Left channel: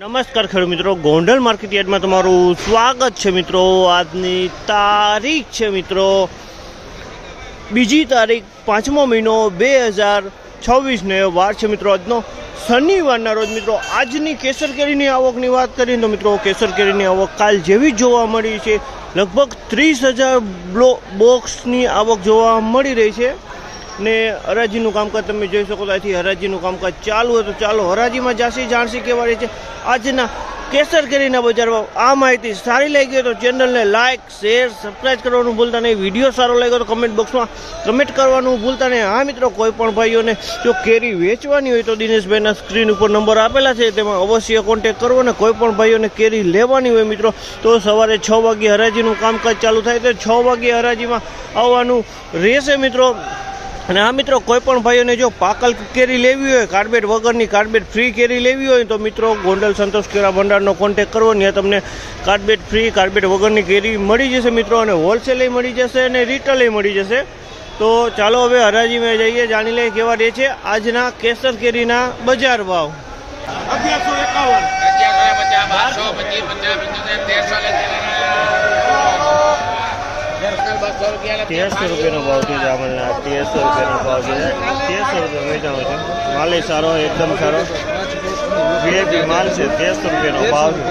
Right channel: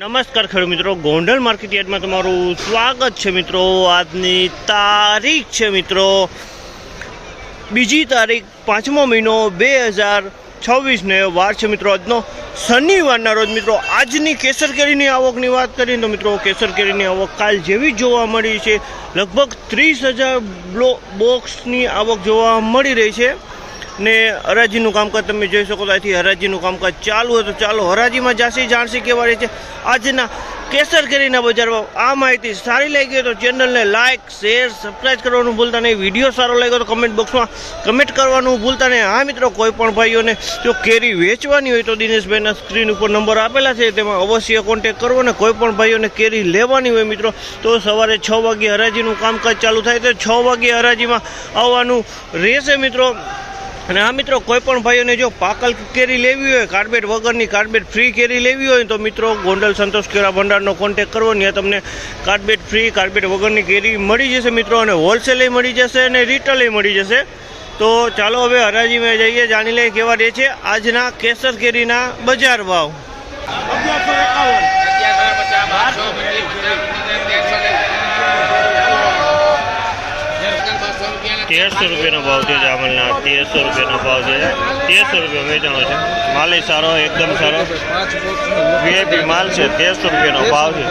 નમસ્કાર ખેડૂત મિત્રો, ગોંડલ માર્કેટ યાર્ડમાં તમારું સ્વાગત છે મિત્રો। આજની તારીખ છે મિત્રો 2 તારીખ 5મો મહિનો 2026 ને વાર છે મિત્રો આજનો શનિવારના રોજ મિત્રો। આજની કેસર કેરીની આવકની વાત કરીએ તો મિત્રો કેસર કેરીની આવક કાલ જેવી જોવા મળી છે। લગભગ 30,000 બોક્સની આવક જોવા મળી રહી છે ને હરાજીનું કામકાજ તમે જોઈ શકો તો અહીંથી હરાજીનું કામકાજ ચાલુ હોય તો ચાલો હરાજીમાં જાસી જાણસી કેવા રહી છે આજના કેસર કેરીના બજારમાં। આ માહિતી સારી લાગી તો ચેનલને લાઇક શેર સબસ્ક્રાઈબ કરવાનું ભૂલતા નહીં। વિડીયો સારો લાગ્યો તો કમેન્ટ બોક્સમાં કમેન્ટ કરવાનું ભૂલતા નહીં। હા મિત્રો, કોઈ પણ ભાઈઓને જો કેરી વેચવાની હોય તો દિનેશભાઈના સ્ક્રીન ઉપર નંબર આપેલા છે તેમાં અવશ્ય કોન્ટેક્ટ કરવો ને કોઈ પણ ભાઈઓને કેરી લેવાની હોય મિત્રો તો સવારે 6 વાગ્યે હરાજીનું કામકાજ ચાલુ થાય તો 6 વાગ્યે હરાજીમાં આવવાનું રહેશે મિત્રો। અને આ મિત્રો કોઈ પણ ભાઈઓને જો પાકલ કેરી લેવી હોય, કાર્બેટ વગરની કાર્બેટ ફ્રી કેરી લેવી હોય તો મિત્રો ગોંડલ સંતોષ કેળા ભંડારનો કોન્ટેક્ટ કરવો, ત્યાં તમને કાર્બેટ ફ્રી કાર્બેટ વગરની કેરી મળી જશે મિત્રો। અને હોલસેલે મળી જશે અને રિટેલે મળી જશે। તો ચાલો હવે હરાજીમાં જઈએ, જાણી લઈએ કેવા રહે છે આજના કેસર કેરીના બજાર ભાવ। 1300 રૂપિયાનો ભાવ છે જામલના। 1300 રૂપિયાનો ભાવ છે। 1300 રૂપિયા વેચાણો છે। માલ સારો, એકદમ સારો વીઆઈપી માલ છે। 1300 રૂપિયાનો ભાવ છે।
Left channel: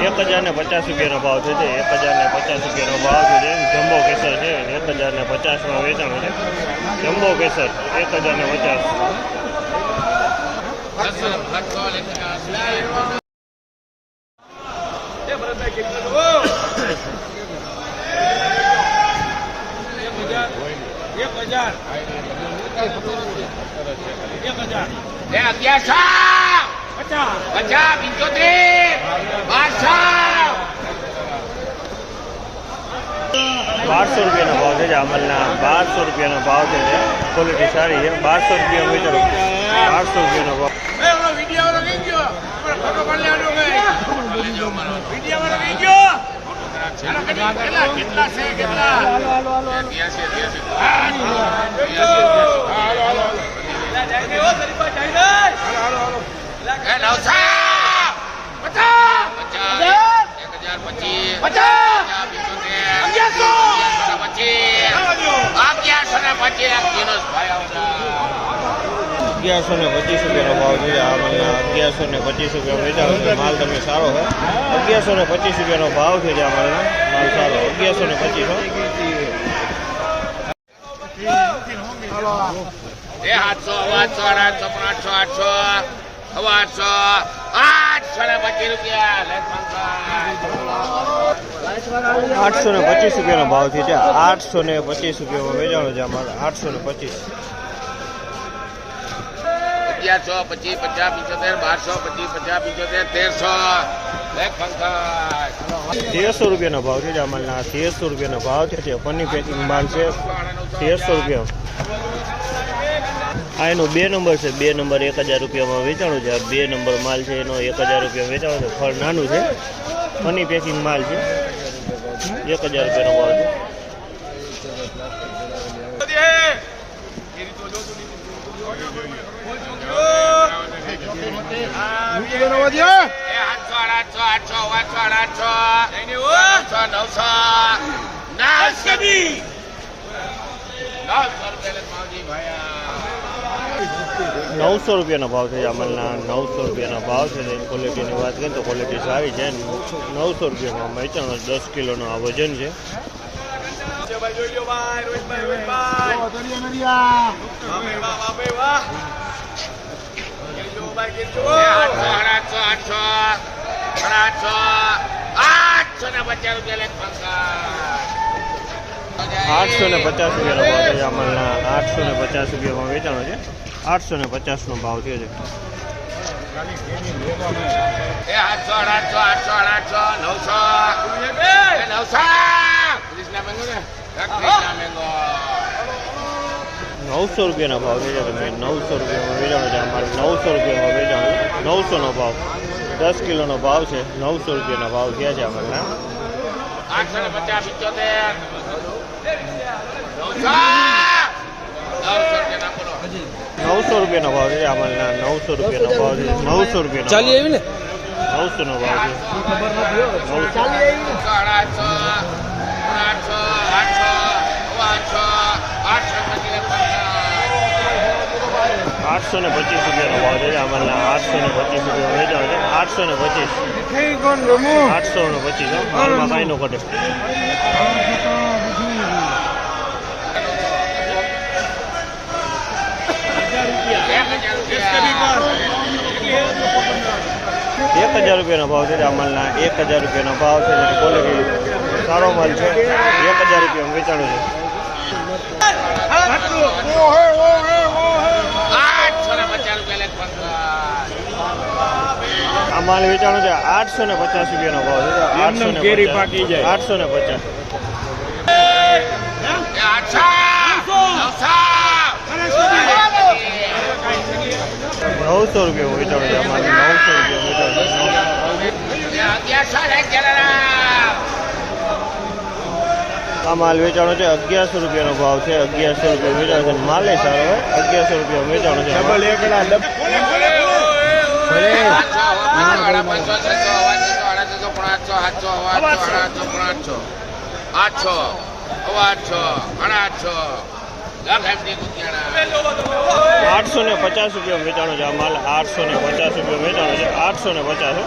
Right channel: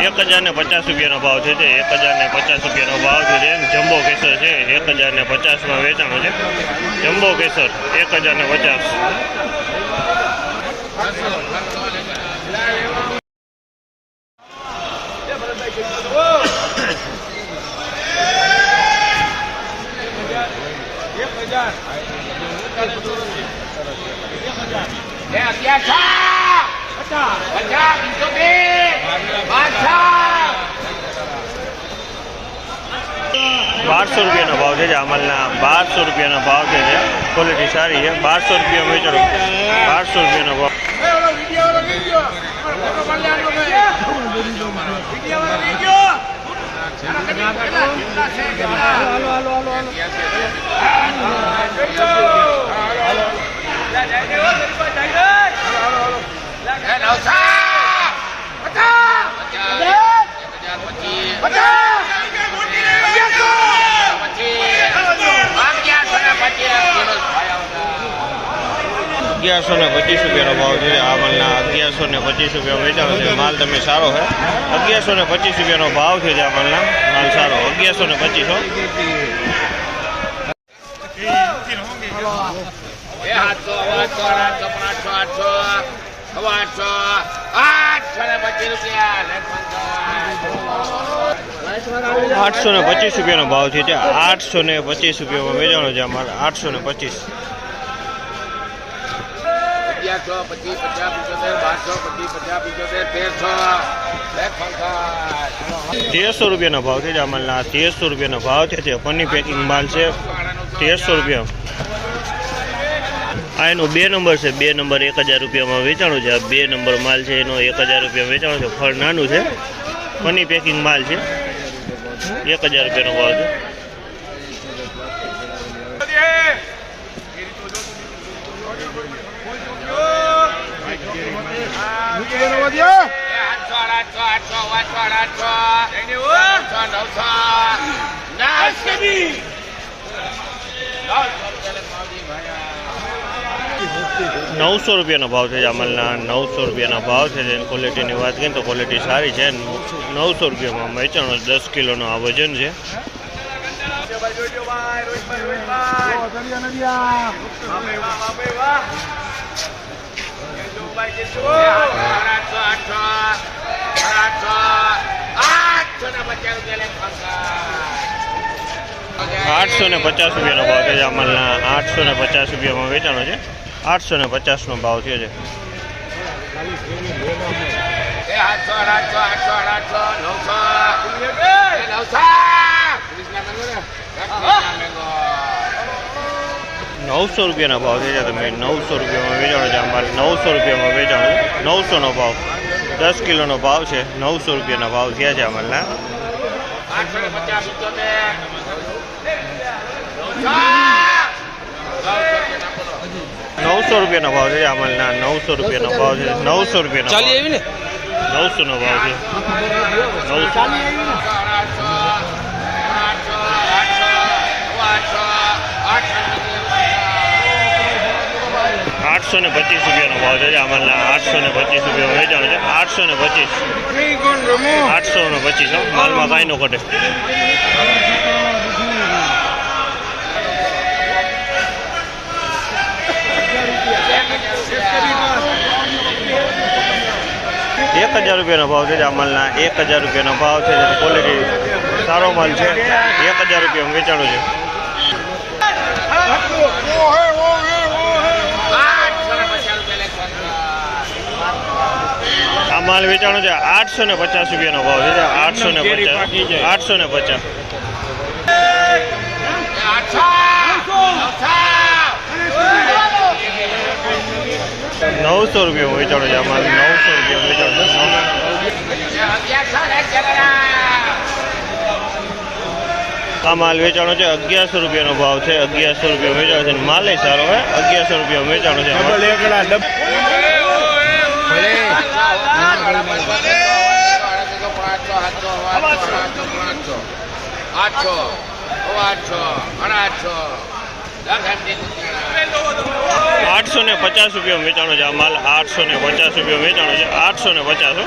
1050 રૂપિયાનો ભાવ છે। 1050 રૂપિયાનો ભાવ છે। જમ્બો કેસર છે 1050માં વેચાણો છે। જમ્બો કેસર 1050। 1200 રૂપિયાનો ભાવ છે જામલના। 1200 રૂપિયાનો ભાવ છે। ક્વોલિટી સારી છે। 1200 રૂપિયા વેચાણો। 1200 રૂપિયાનો ભાવ। 1125 રૂપિયાનો ભાવ છે જામલના। 1125 રૂપિયા વેચાણો છે। માલ તમે સારો છે। 1125 રૂપિયાનો ભાવ છે જામલના। માલ સારો 1125। 825 રૂપિયાનો ભાવ છે। 825 રૂપિયામાં વેચાણો છે અમારે। 825। 1125, 50, 75, 1200, 25, 50, 1300, 1300 રૂપિયાનો ભાવ છે જામલના। 1300 રૂપિયાનો ભાવ છે। પન્ની પેકિંગ માલ છે। 1300 રૂપિયા। આ એનો 2 નંબર છે। 2 નંબર 1000 રૂપિયામાં વેચાણો છે। 2 નંબર માલ છે એનો 1000 રૂપિયા વેચાણો છે। ફળ નાનું છે। પન્ની પેકિંગ માલ છે। 1000 રૂપિયાનો ભાવ છે। 900 રૂપિયાનો ભાવ છે જામલના। 900 રૂપિયાનો ભાવ છે। ક્વોલિટીની વાત કરીએ તો ક્વોલિટી સારી છે। 900 રૂપિયામાં વેચાણો। 10 કિલોનો આ વજન છે। 850 રૂપિયાનો ભાવ છે જામલના। 850 રૂપિયામાં વેચાણો છે। 850નો ભાવ થયો છે। 900 રૂપિયાનો ભાવ છે। તમે 900 રૂપિયામાં વેચાણો છે અમારે। 900 રૂપિયામાં વેચાણો છે। 900નો ભાવ 10 કિલોનો ભાવ છે। 900 રૂપિયાના ભાવ થયા છે અમારના। 850, 75, 900 900 રૂપિયાનો ભાવ છે અમલના 900 રૂપિયાનો ભાવ છે 900 રૂપિયાનો ચાલી આવી ને 900 નો ભાવ છે 825 રૂપિયાનો ભાવ છે અમલના 825 રૂપિયા વેચાણ છે 825 825 માલમાં કાંઈ નો ઘટે એક 1000 રૂપિયાનો ભાવ છે અમલના 1000 રૂપિયાનો ભાવ છે ક્વોલિટી સારો માલ છે 1000 રૂપિયામાં વેચાણો છે આ માલ વેચાણો છે 850 રૂપિયાનો ભાવ છે 850 850 900 રૂપિયા વેચાણો છે અમારે 900 રૂપિયા વેચાણો આ માલ વેચાણો છે 1100 રૂપિયાનો ભાવ છે 1100 રૂપિયા વેચાણો છે માલે સારો હોય 1100 રૂપિયા વેચાણો છે આઠસો ને 50 રૂપિયા વેચાણો છે આ માલ 850 રૂપિયા વેચાણો છે 850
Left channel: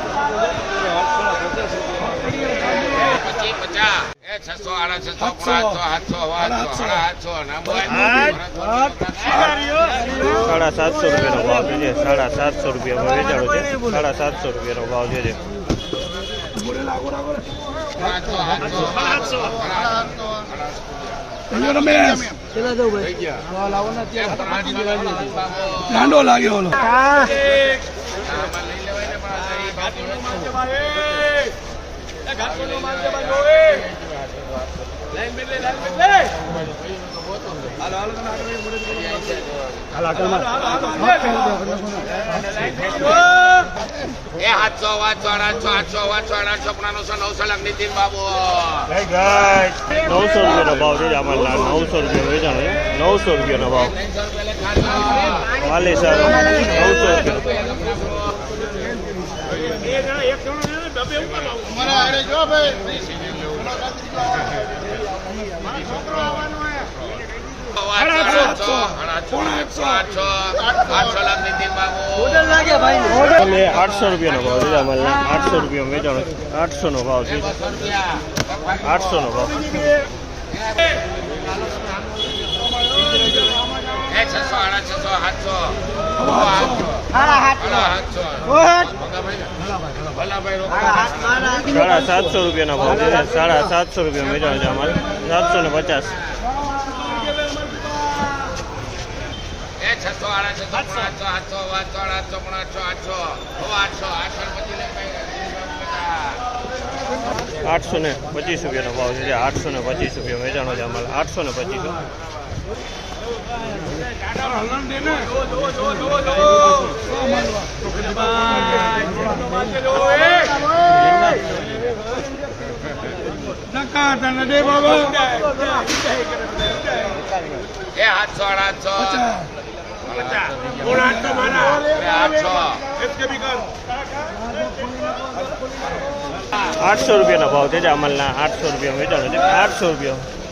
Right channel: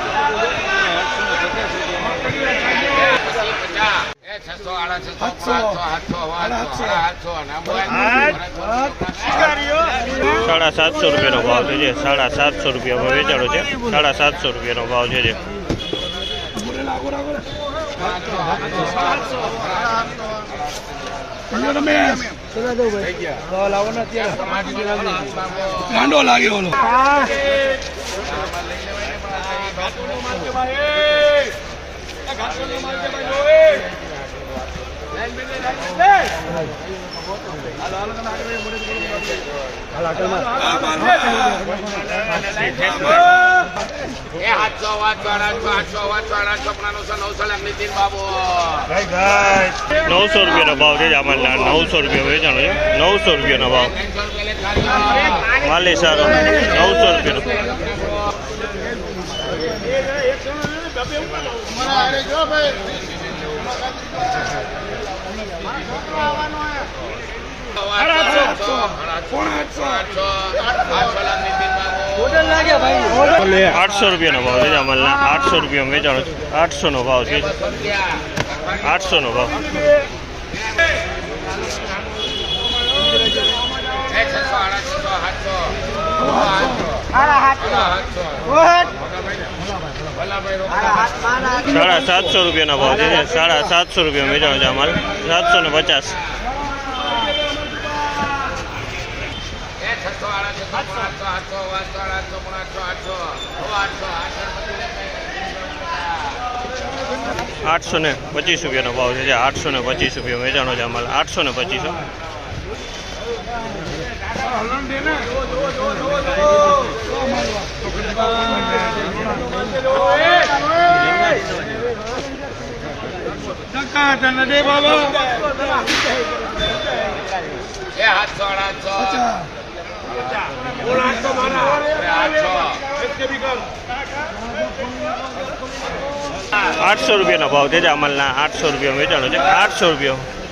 750 રૂપિયાનો ભાવ છે 750 રૂપિયામાં વેચાણો છે 750 રૂપિયાનો ભાવ છે 900 રૂપિયાનો ભાવ છે આમાં 900 રૂપિયા વેચાણો છે 900 રૂપિયાનો ભાવ માલે સારો 900 રૂપિયાનો આઠસો રૂપિયાનો ભાવ છે અમલના 800 રૂપિયા વેચાણો છે 800 નો ભાવ છે 800 નો ભાવ $750 રૂપિયાનો ભાવ છે 750 રૂપિયા વેચાણો છે અમારે 750 825 રૂપિયાનો ભાવ છે 825 રૂપિયા વેચાણો છે અમારે 825 800 રૂપિયાનો ભાવ છે અમલના 800 રૂપિયા વેચાણો છે 800 રૂપિયા